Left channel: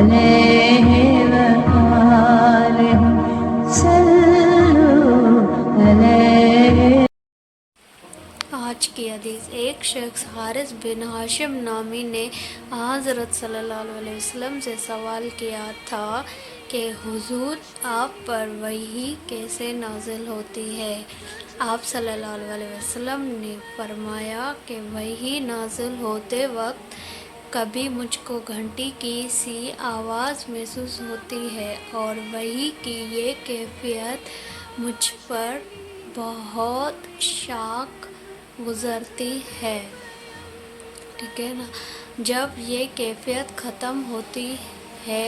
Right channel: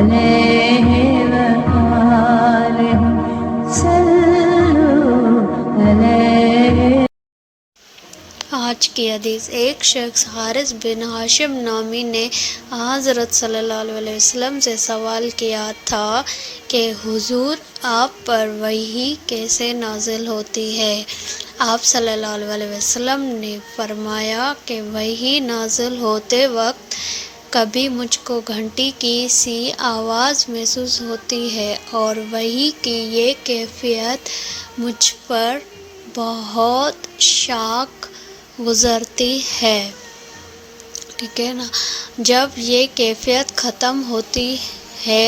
عليه وآله صلوا عليه۔ آج کی حدیث، ایک شخص حارث بن ہاشم نامی نے حضرت صلی اللہ علیہ وسلم سے سوال کیا تھا کہ حضور، آپ پر وحی کیسے نازل ہوتی ہے؟ آپ صلی اللہ علیہ وسلم نے فرمایا کہ وحی نازل ہوتے وقت کبھی مجھ کو گھنٹی کی سی آواز محسوس ہوتی ہے، اور وحی کی یہ کیفیت مجھ پر بہت شاق گزرتی ہے۔ ٹھیک ہے نا؟ جب یہ کیفیت ختم ہوتی ہے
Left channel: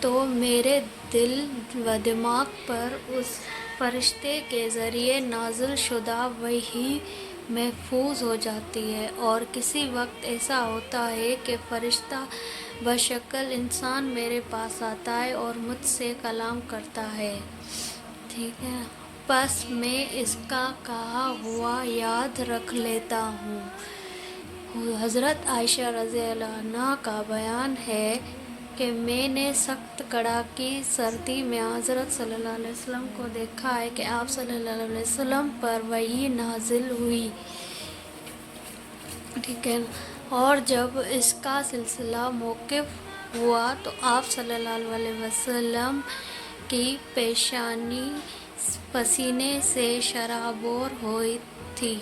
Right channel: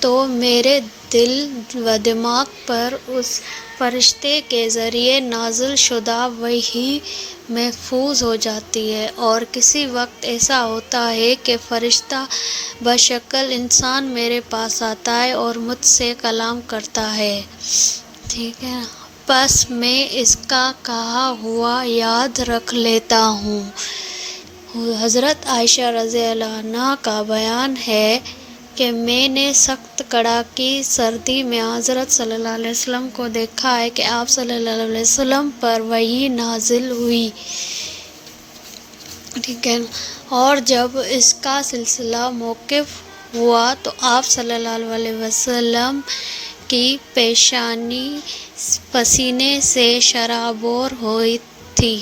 تو میرے دل و دماغ پر اس فرشتے کے ذریعے نازل شدہ وحی محفوظ ہو جاتی ہے، اور کسی وقت ایسا ہوتا ہے کہ فرشتہ بشکل انسان میرے پاس آتا ہے اور مجھ سے کلام کرتا ہے۔ ٹھیک ہے، پس میں اس کا کہا ہوا یاد رکھ لیتا ہوں۔ حضرت عائشہ رضی اللہ عنہا کا بیان ہے کہ میں نے سخت کڑاکی سردی میں حضرت صلی اللہ علیہ وسلم کو دیکھا ہے کہ آپ صلی اللہ علیہ وسلم پر وحی نازل ہوئی۔ ٹھیک ہے، اور جب اس کا سلسلہ موقوف ہوا تو آپ صلی اللہ علیہ وسلم کی پیشانی پسینے سے شرابور ہوئی تھی۔